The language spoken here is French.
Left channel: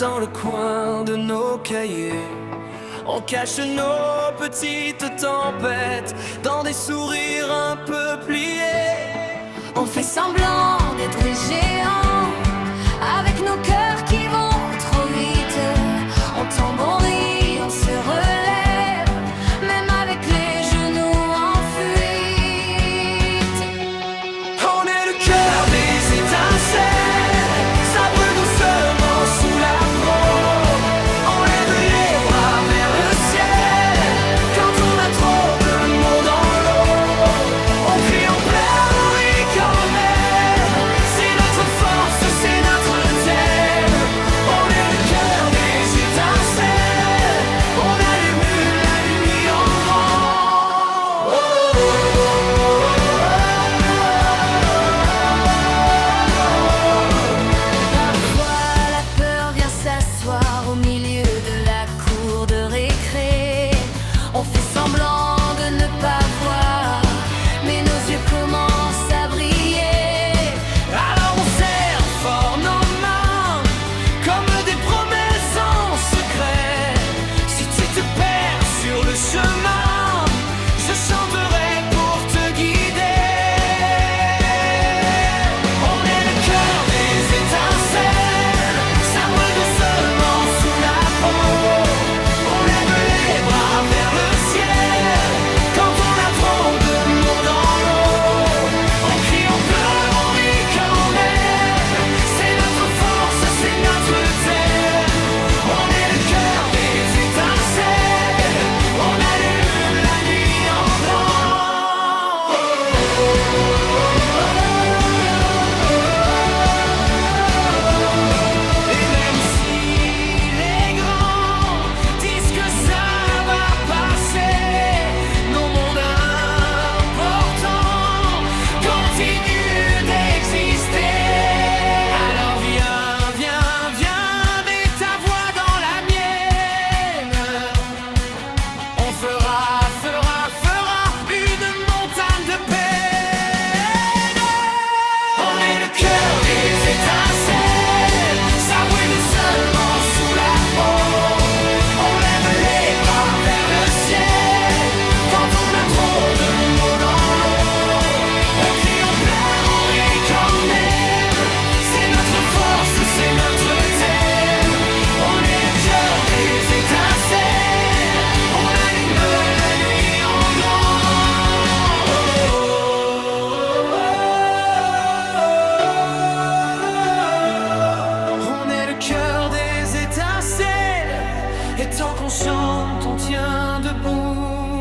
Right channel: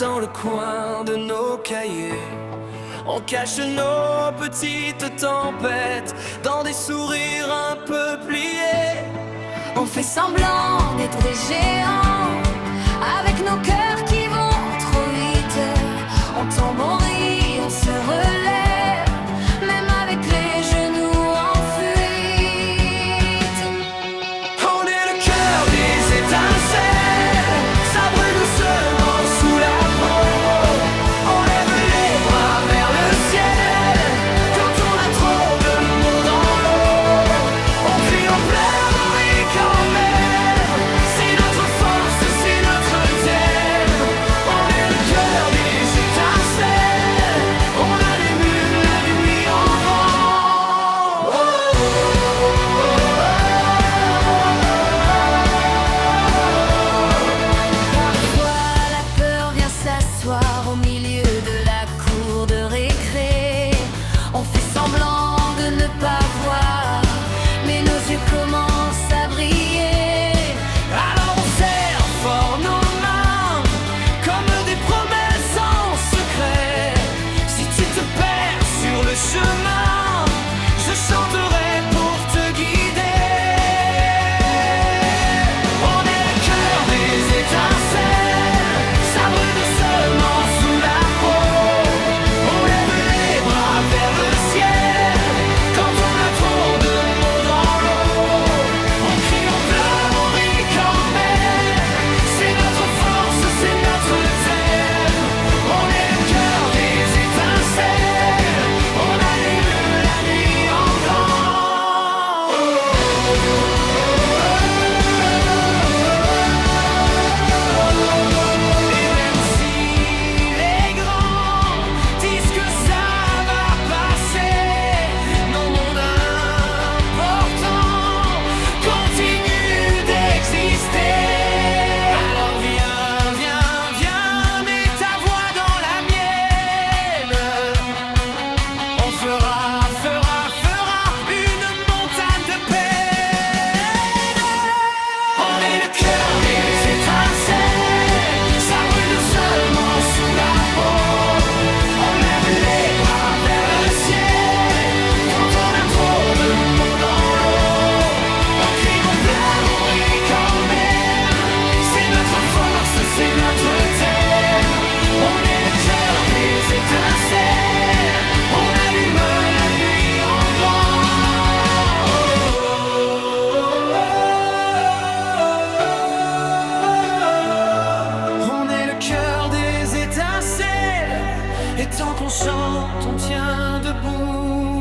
dans le coin de nos cahiers. On cache nos petites tempêtes dans des sourires un peu pliés. On fait semblant d'être des géants, avec nos cœurs qui vont trop vite. On tombe, on rit, on se relève, même avec les genoux en fuite. On est le cœur des étincelles, ça brûle doucement sous la peau. On lève les bras vers le ciel quand on a trop de mots dans l'eau. On crie, on pleure, on rit quand même. C'est notre force, c'est notre thème. On est le cœur des étincelles, on allume la nuit en grand. Parfois la peur vient s'asseoir au milieu de la cour de récré. On fait semblant de ne pas voir, mais nos yeux commencent à briller. Alors on serre fort nos mains comme des promesses en secret. Si tu te perds sur le chemin, je chanterai pour te guider. On est le cœur des étincelles, ça brûle doucement sous la peau. On lève les bras vers le ciel quand on a trop de mots dans l'eau. On crie, on pleure, on rit quand même. C'est notre force, c'est notre thème. On est le cœur des étincelles, on allume la nuit en grand. Et même si les grands disent que ça va passer, nos mondes importants continuent d'exister. Alors viens, viens, viens, mets ta voix dans la mienne. On fera une montagne de peine. On est le cœur des étincelles, ça brûle doucement sous la peau. On lève les bras vers le ciel quand on a trop de mots dans l'eau. On crie, on pleure, on rit quand même. C'est notre force, c'est notre thème. On est le cœur des étincelles, on allume la nuit en grand. On est le cœur des étincelles, et tant qu'on chante, on tient debout.